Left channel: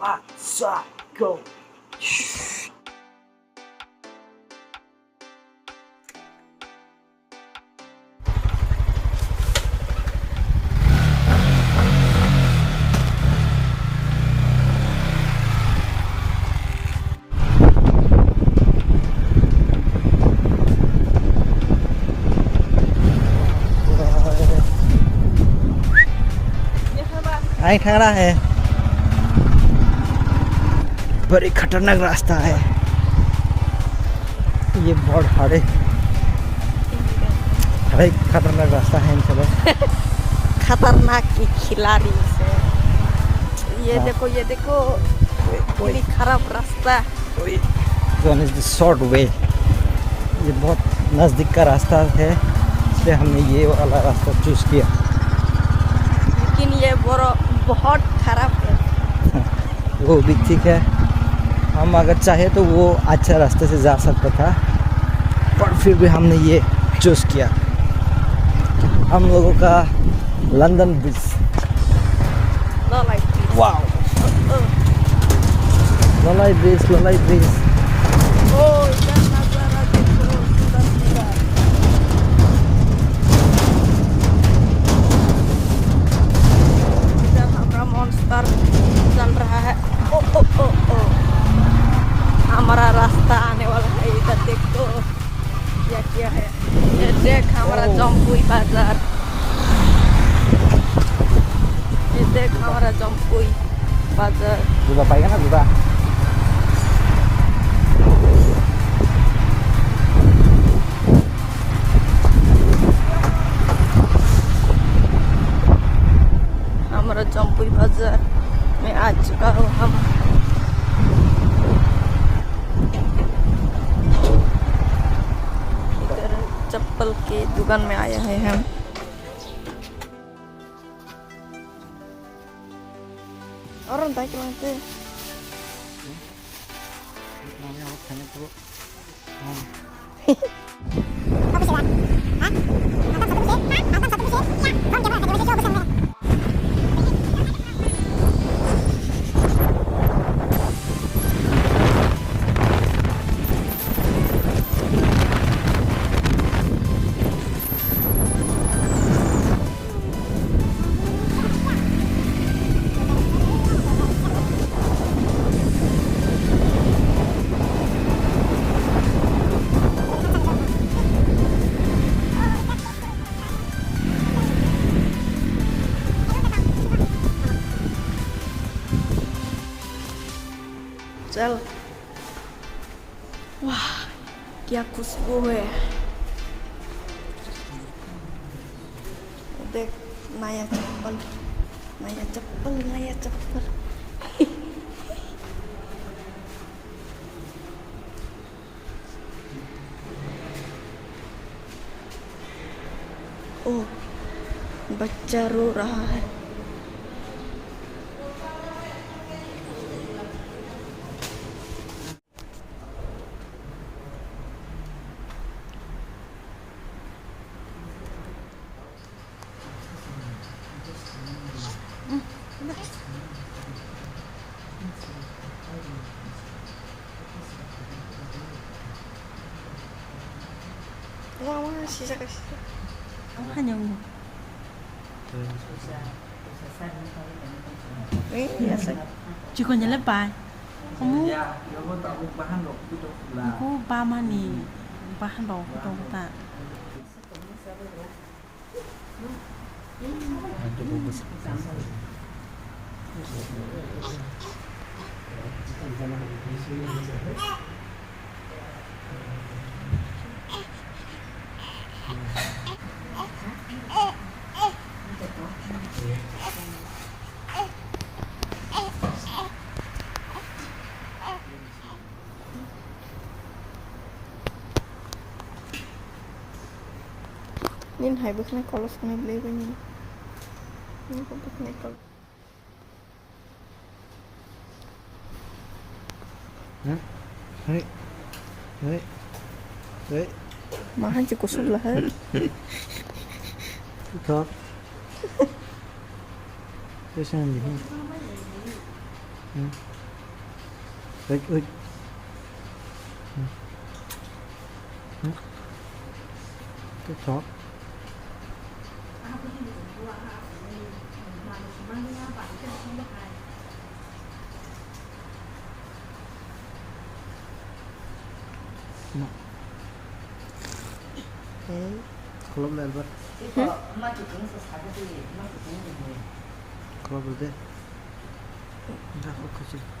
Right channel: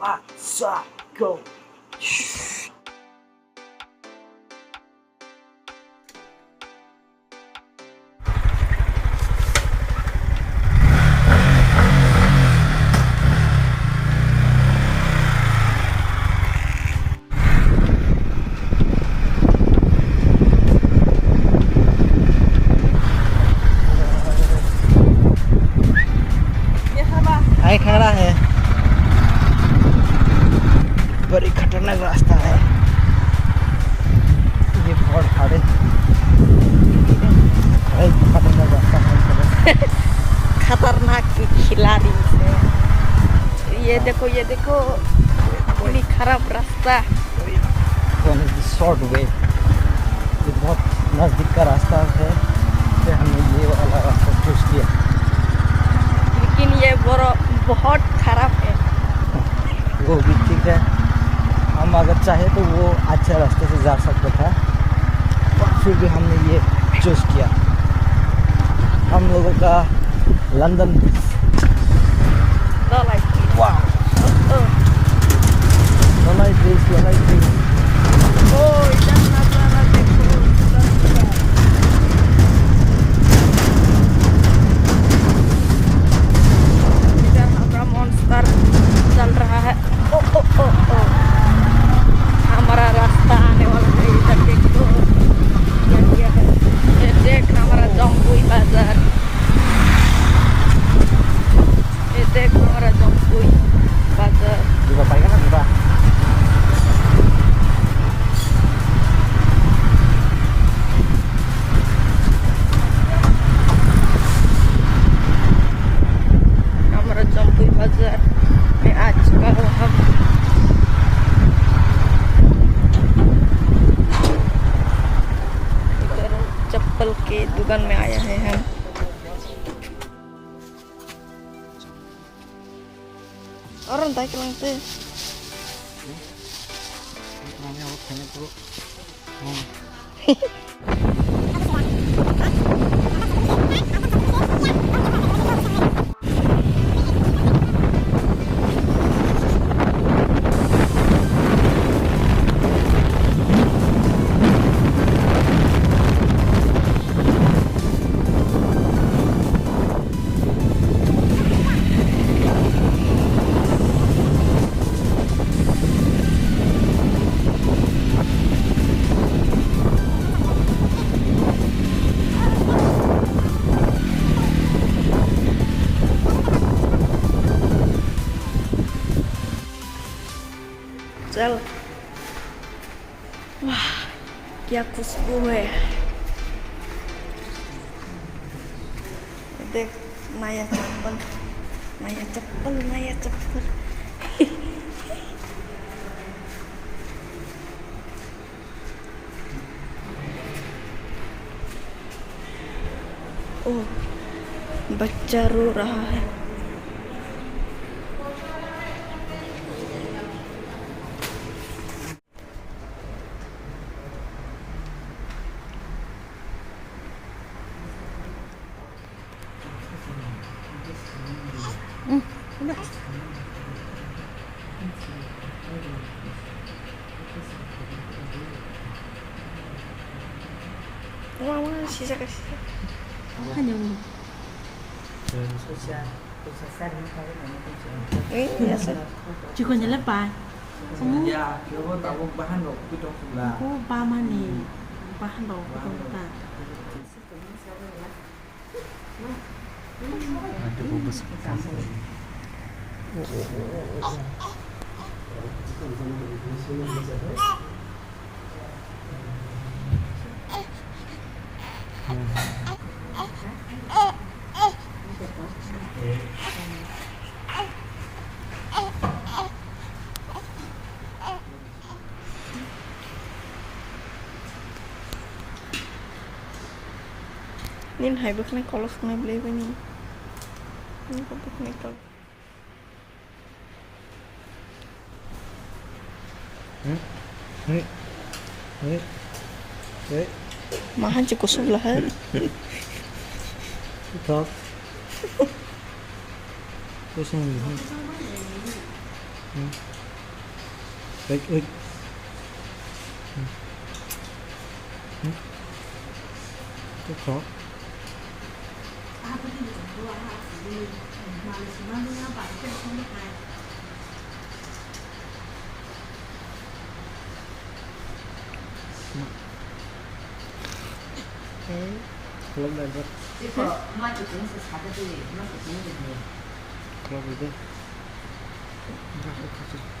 Let's go. आई खड़ा है, बड़ी खतरनाक रास्ता है ये, बहुत खतरनाक रास्ता है इन सब। खतरनाक की खिलाड़ी से। ये देखो बड़ी खराब रास्ता। One is the short way, ये बहुत नज़दीक का रास्ता है, इसलिए हमने ये वाला रास्ता चूज किया। लेकिन ये बहुत खराब है। वो भी ठीक है, हम अगर चाहे तो वो अच्छे रास्ते से जा सकता था, पर फिर भी हमने ये चूज किया। हम लोगों का लंदन ब्रिज, वाह, लोलाई ब्रिज। ओ इधर नजारा देखो, इधर हमारा मॉन्स्टर चल रहा है। ओ हमारा रास्ता आने वाला है, इधर देखो है। ये देख हमारा जम्पुई बाजार, ये देख हमारा जम्पुई बाजार। juga pakai kan juga. हमारा जम्पुई बाजार में आ चुका हूँ हम। इधर चप्पल के दुकान में आया है हम। Orang tak kelang tu. Namanya awak hanya tu. चल, वाह क्या खुशबू है। देख नया चप्पल। ओह, बच्चा रो रहा है। Mama sisa kasih. Iya sih. Juga nyala pa. Bahan rok itu. Aku pama nih. Bahan rok itu tak. Ada bubus. Nin hai bước này có lúc này beli với nin. Nin có bước này có. Mahal cukup sebelahan. Top. Terus yang ini. Ơi, ơi. Cái khó. Kalau lên rất. Kalau lên. Enggak, aku kasih.